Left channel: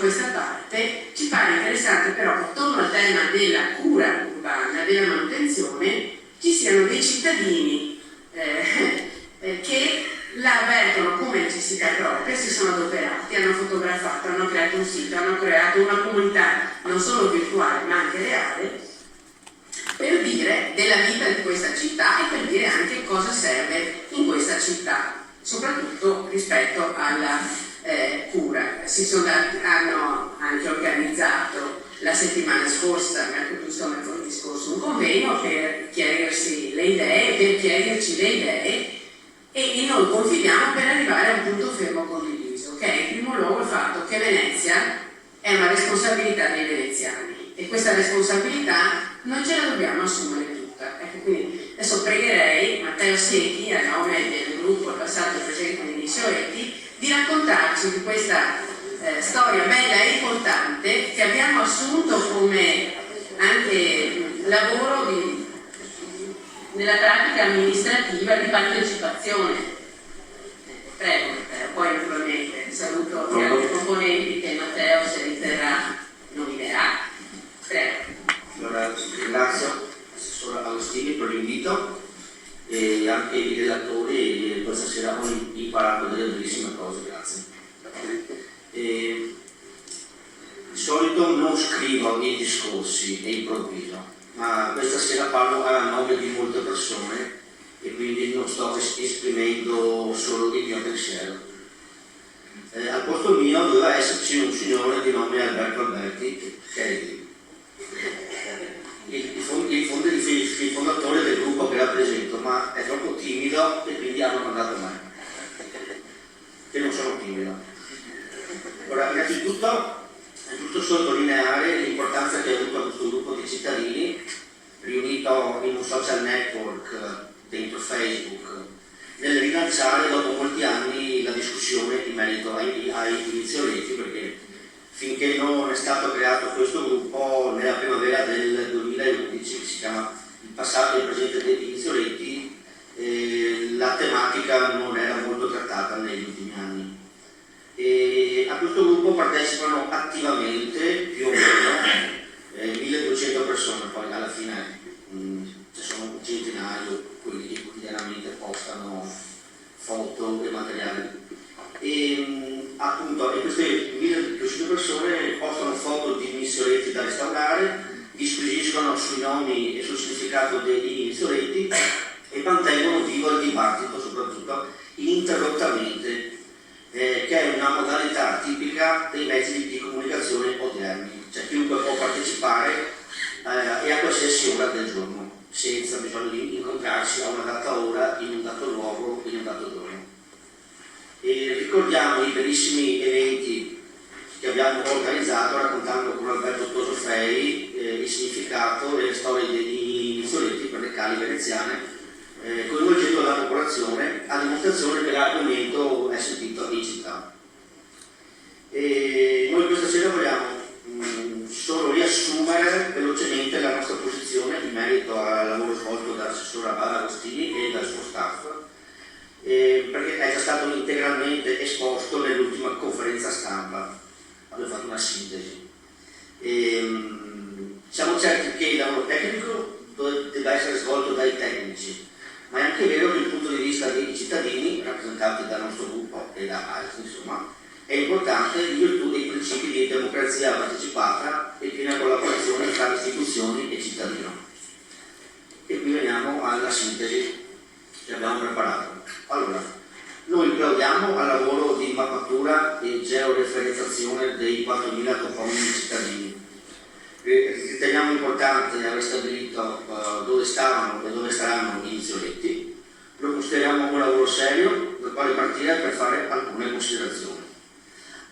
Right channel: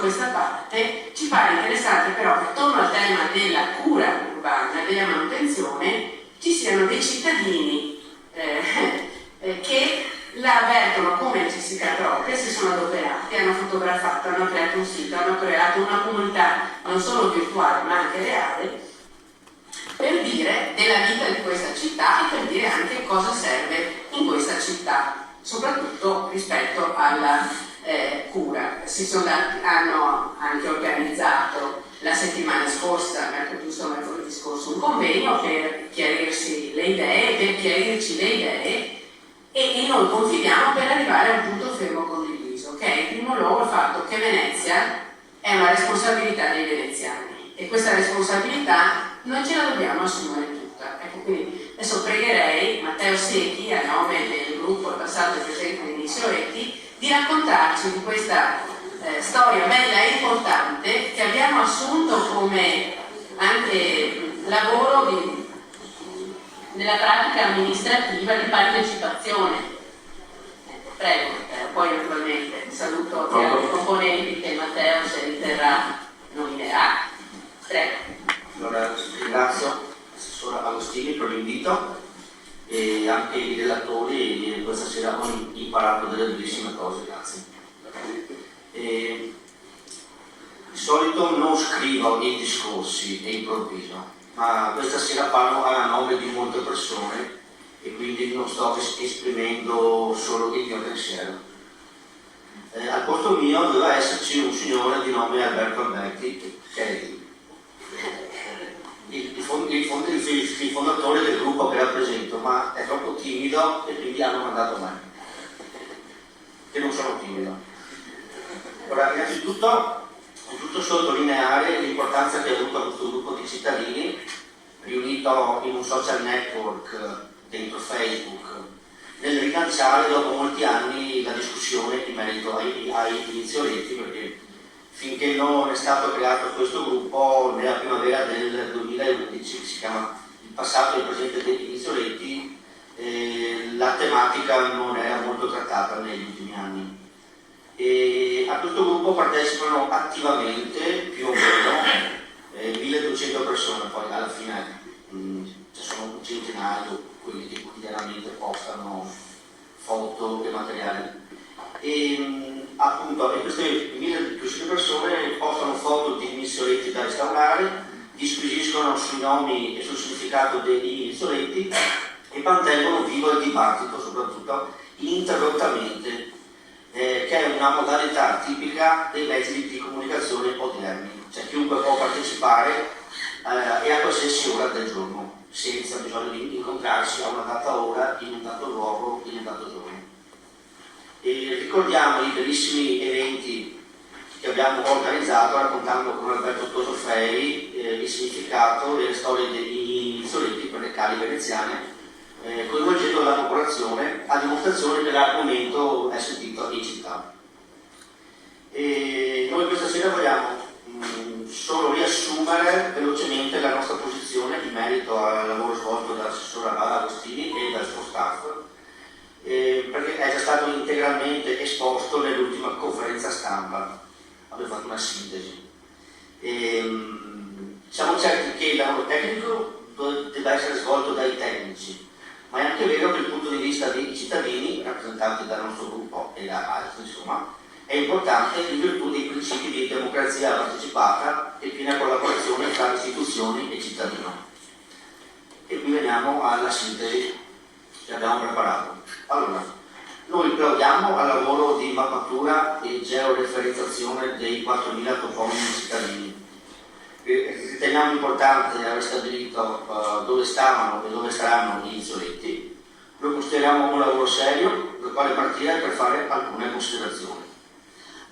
questa parte, ci pare interessante però che attorno al tema della cura urbana, della manutenzione, ci siano dei cittadini che la avvertono come necessità propria, si sono adoperati, hanno fotografato, hanno creato un sito, hanno creato una comunità non solo virtuale ma anche reale, per dire della vita di questa città e per dire anche cosa serve in questa città, soprattutto rispetto alla cura. Hanno anche organizzato la settimana scorsa, giusto mercoledì scorso, un convegno per chiarirci le idee, e noi confidiamo per arrivare a un punto fermo condiviso, che è in primo luogo il fatto che Venezia è una responsabilità dei veneziani e questa responsabilità non ce la dobbiamo assumere tutta. Ecco, quindi adesso pregherei Matteo Secchi, a nome del gruppo Il passato e presente dei Inizioretti, di raccontarci di questa storia bella e importante che abbiamo assunto come anche lavoro nella pratica amministrativa di partecipazione. Prego, poi naturalmente saluto gli altri componenti che Matteo, se riterrà, nominerà. Prego. Allora, ringrazio l'assessora Agostini per l'invito e anche i relatori, e questa sera ho imparato delle bellissime cose, grazie. Di solito non scrivo i discorsi e improvviso, ma questa sera parlo a nome di molte persone e quindi non sto esprimendo solo il mio pensiero. Al posto mio doveva esserci un signore di nome Alberto Alberti, che è il fondatore del gruppo che rappresento, ma è troppo timido e quindi hanno mandato me, che non sono timido. Ora, innanzitutto è giusto sottolineare l'importanza che ha avuto questo gruppo di cittadini riunito in un social network dentro Facebook nel rilanciare dopo molti anni la discussione in merito ai Inizioretti, perché finché non è stato creato questo gruppo nella primavera del 2011, che si chiama Il passato e il presente degli Inizioretti, la tematica non era molto trattata negli ultimi anni. E a questo gruppo partecipano attivamente più o meno 1200 persone, poi alla fine ci sono un centinaio quelli che quotidianamente postano foto e materiale. E appunto queste 1200 persone postano foto di Inizioretti da restaurare, disquisiscono sui nomi e sul significato degli Inizioretti e mantengono vivo il dibattito, soprattutto ininterrottamente, che è una modalità tipica dei mezzi di comunicazione odierni, cioè chiunque può partecipare e a qualsiasi ora del giorno, senza bisogno di incontrarsi a una data ora, in un dato luogo, in un dato giorno. E ricordiamo i bellissimi eventi che abbiamo organizzato raccontando con Alberto Tosofei il significato e le storie degli Inizioretti per le cali veneziane, coinvolgendo la popolazione a dimostrazione che l'argomento è sentito in città. E noi questa sera vogliamo solo riassumere velocemente la nostra posizione in merito al lavoro svolto dall'assessora Agostini e dal suo staff, perché è già stato integralmente esposto nell'ultima conferenza stampa. Abbiamo fatto una sintesi. Siamo certi che il lavoro tecnico debba essere svolto dai tecnici, ma è anche vero che il punto di vista dei cittadini, rappresentati dal nostro gruppo e da altri, insomma, è importante in virtù dei principi di democrazia partecipata e piena collaborazione tra istituzioni e cittadino. E qui veniamo alla sintesi che abbiamo preparato. Allora, noi plaudiamo al lavoro di mappatura e georeferenziazione dei 4.000 toponimi cittadini. Riteniamo importante aver stabilito dove stavano e dove saranno gli Inizioretti. Lo consideriamo un lavoro serio dal quale partire per fare alcune considerazioni.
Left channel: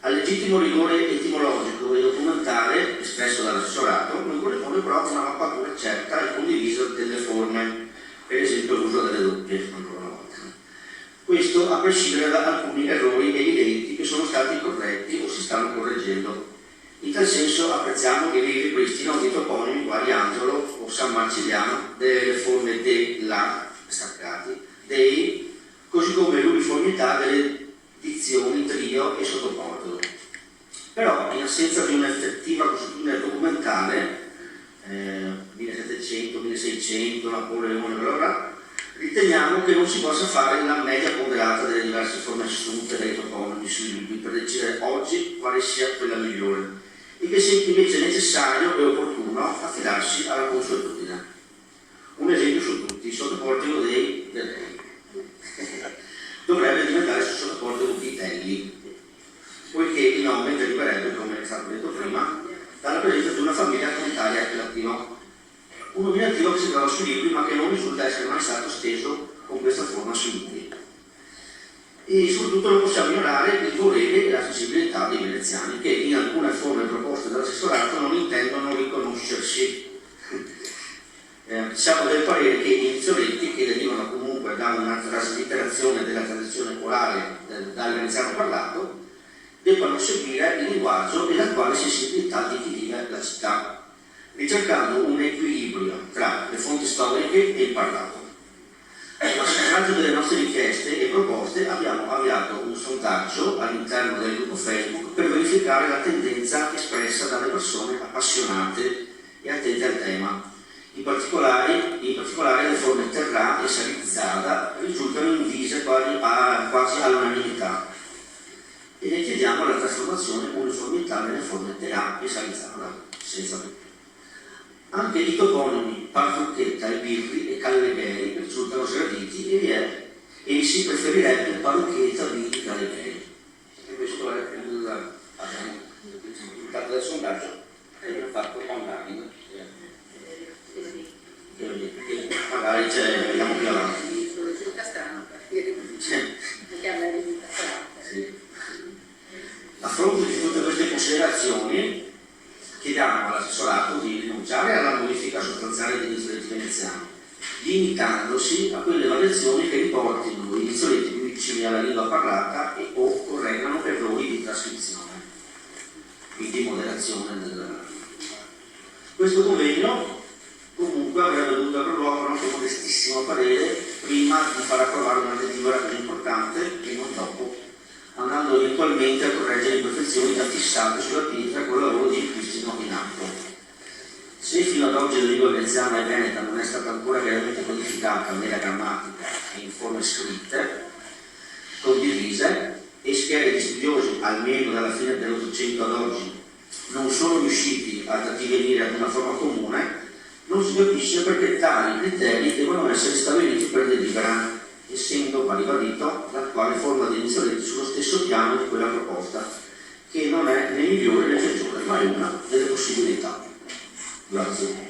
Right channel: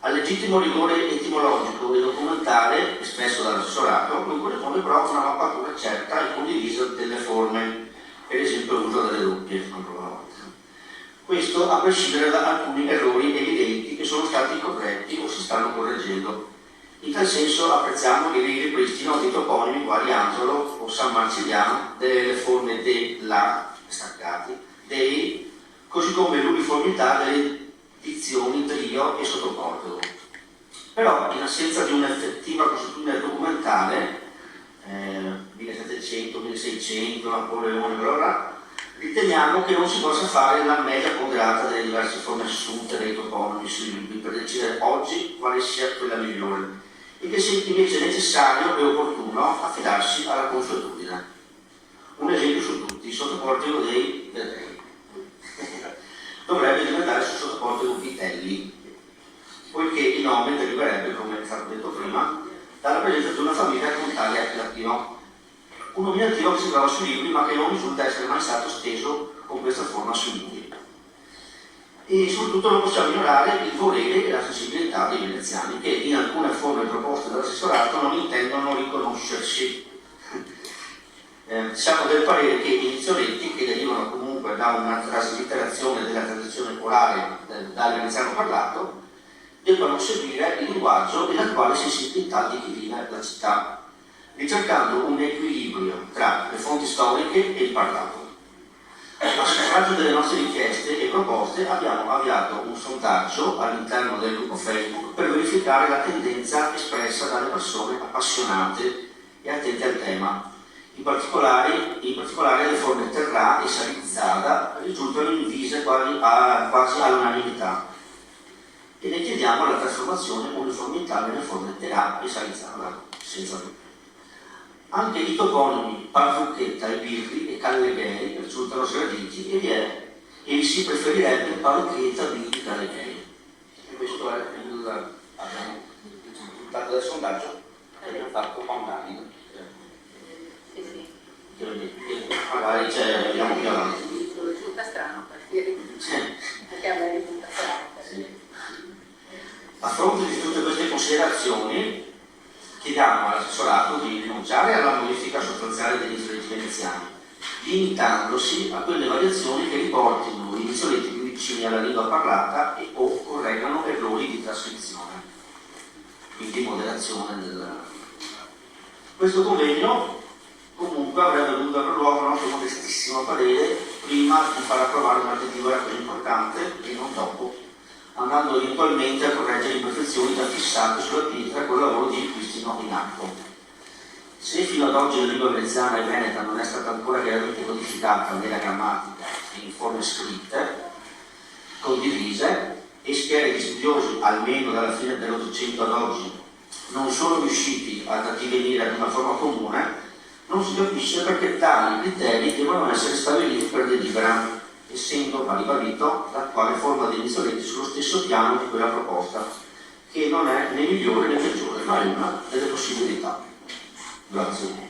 Al legittimo rigore etimologico e documentare espresso dall'assessorato non corrisponde però una mappatura certa e condivisa delle forme, per esempio l'uso delle doppie, ancora una volta. Questo a prescindere da alcuni errori evidenti che sono stati corretti o si stanno correggendo. In tal senso apprezziamo il ripristino di toponimi quali Angelo o San Marciliano, delle forme de, la, staccati, dei, così come l'uniformità delle dizioni trio e sottoporto. Però in assenza di un'effettiva consuetudine documentale, 1700, 1600, Napoleone, bla, riteniamo che non si possa fare la media ponderata delle diverse forme assunte dai toponimi sui libri per decidere oggi quale sia quella migliore, e che sia invece necessario e opportuno affidarsi alla consuetudine. Un esempio su tutti, il sottoportico dei Vedei dovrebbe diventare il sottoportico di Vitelli, poiché il nome deriverebbe, come è stato detto prima, dalla presenza di una famiglia con Italia e latino. Un nominativo che si trova sui libri ma che non risulta essere mai stato steso con questa forma sui libri. E soprattutto non possiamo ignorare il volere e la sensibilità dei veneziani, che in alcune forme proposte dall'assessorato non intendono riconoscersi. Siamo del parere che i dizionetti, che derivano comunque da una traslitterazione della tradizione orale dal veneziano parlato, debbano seguire il linguaggio e l'attuale sensibilità di chi vive la città, ricercando un equilibrio tra le fonti storiche e il parlato. A suffragio delle nostre richieste e proposte abbiamo avviato un sondaggio all'interno del gruppo Facebook per verificare la tendenza espressa dalle persone appassionate e attente al tema. In particolare le forme terrà e salizzada risultano invise quasi all'unanimità, e ne chiediamo la trasformazione o uniformità nelle forme terrà e salizzada, senza dubbio. Anche i toponimi Parrucchetta, Birri e Calleghei risultano sgraditi e si preferirebbe Parrucchetta, Birri e Calleghei. E questo è il risultato del sondaggio che abbiamo fatto online. Magari vediamo più avanti. Risulta strano perché anche a me risulta strano. Sì. A fronte di tutte queste considerazioni, chiediamo all'assessorato di rinunciare alla modifica sostanziale degli insoliti veneziani, limitandosi a quelle variazioni che riportino i insoliti più vicini alla lingua parlata e o correggano errori di trascrizione, quindi moderazione del... Questo convegno comunque avrebbe dovuto aver luogo a nostro modestissimo parere prima di far approvare una direttiva più importante e non dopo, andando eventualmente a correggere le imperfezioni già fissate sulla pietra col lavoro di ripristino in atto. Se fino ad oggi la lingua veneziana e veneta non è stata ancora chiaramente codificata nella grammatica e in forme scritte, condivise, e schiere di studiosi, almeno dalla fine dell'Ottocento ad oggi, non sono riusciti ad addivenire ad una forma comune, non si capisce perché tali criteri devono essere stabiliti per delibera, essendo ribadito l'attuale forma degli insolenti sullo stesso piano di quella proposta, che non è né migliore né peggiore, ma è una delle possibilità. Grazie.